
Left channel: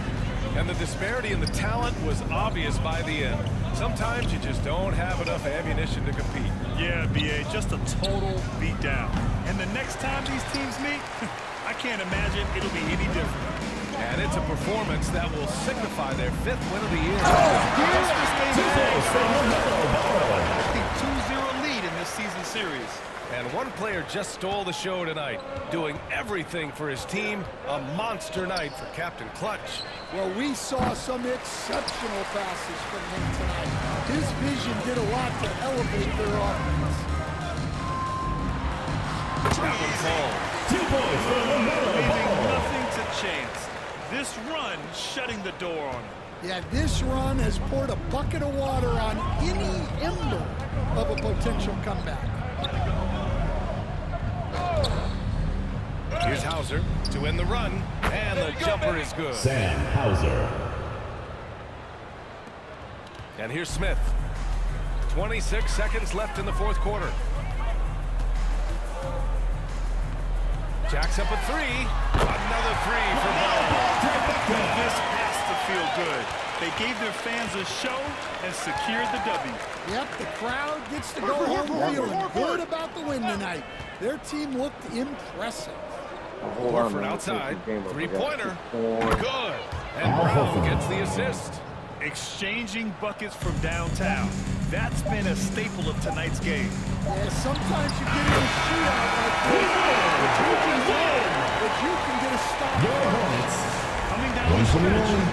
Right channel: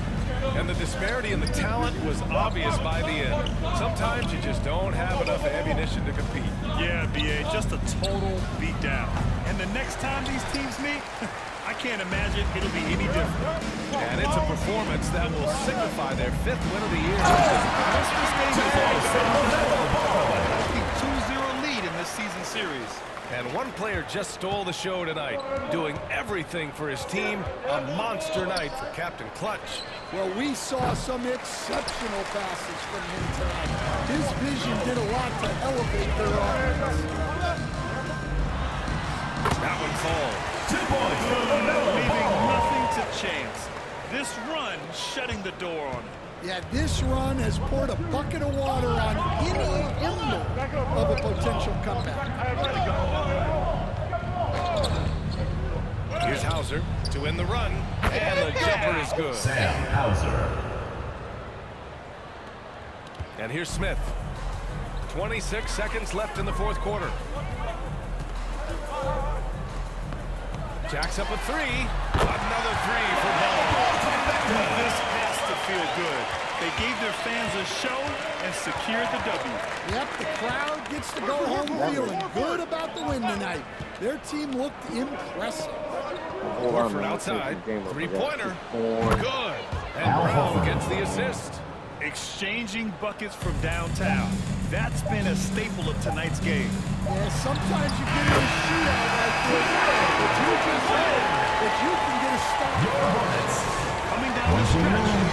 And the disparity in the talent was obvious by the end. Sometimes you just don't have enough ammunition to compete. Yeah, B.A., just a total beatdown. And the next time these teams meet, I can't imagine it'll be any different. And it's a performance that will signify their 5th win of the year. Yes, this game is all set. A 2-0 lead in this season series. And one player just stole the show tonight, doing everything for his team. A monster night for Captain Clutch. Well, we saw some exceptional passes from him tonight. His vision did a lot to elevate their offense. That one falls. 2 points. Leaving nothing to chance. This run shutting the door on him. Yeah, this run has poured a bucket of water on any ember of a potential comeback. Here's Hauser to end the run, and the jumper is good. Sam Hauser. And here's Smith. 26 seconds left in the 4th quarter. Jacks up a 3. Another 3 for Ball. This has to feel good. They gave their fans a show and secured the W. Yep, the crowd gets to go home feeling good about the win tonight. Their team looked impressive. Horford outside. 3-pointer. Good. And Brown gets the assist. Exchanging buckets from downtown. That's been a staple of tonight's game. Yeah, sometimes you get in a shootout like this, but you just hope that you can get a stop. Your Hornets. Coming down the stretch,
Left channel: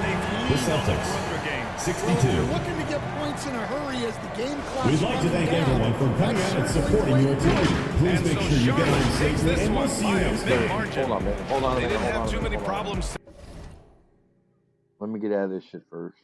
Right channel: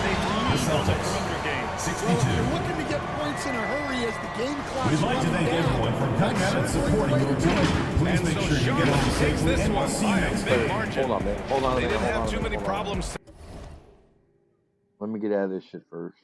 they lead on the perimeter game. 62. Well, if you're looking to get points in a hurry as the game clock's We'd like to running thank down, everyone for coming out and that's certainly supporting the your way to do team. it. Please And make so sure you get Charlotte home takes safely, this and we'll one see you by a next big time. margin. Hold on a minute. Hold on a They minute. didn't hold have on a too minute, many hold on a minute. problems. Let me get out of this shit first.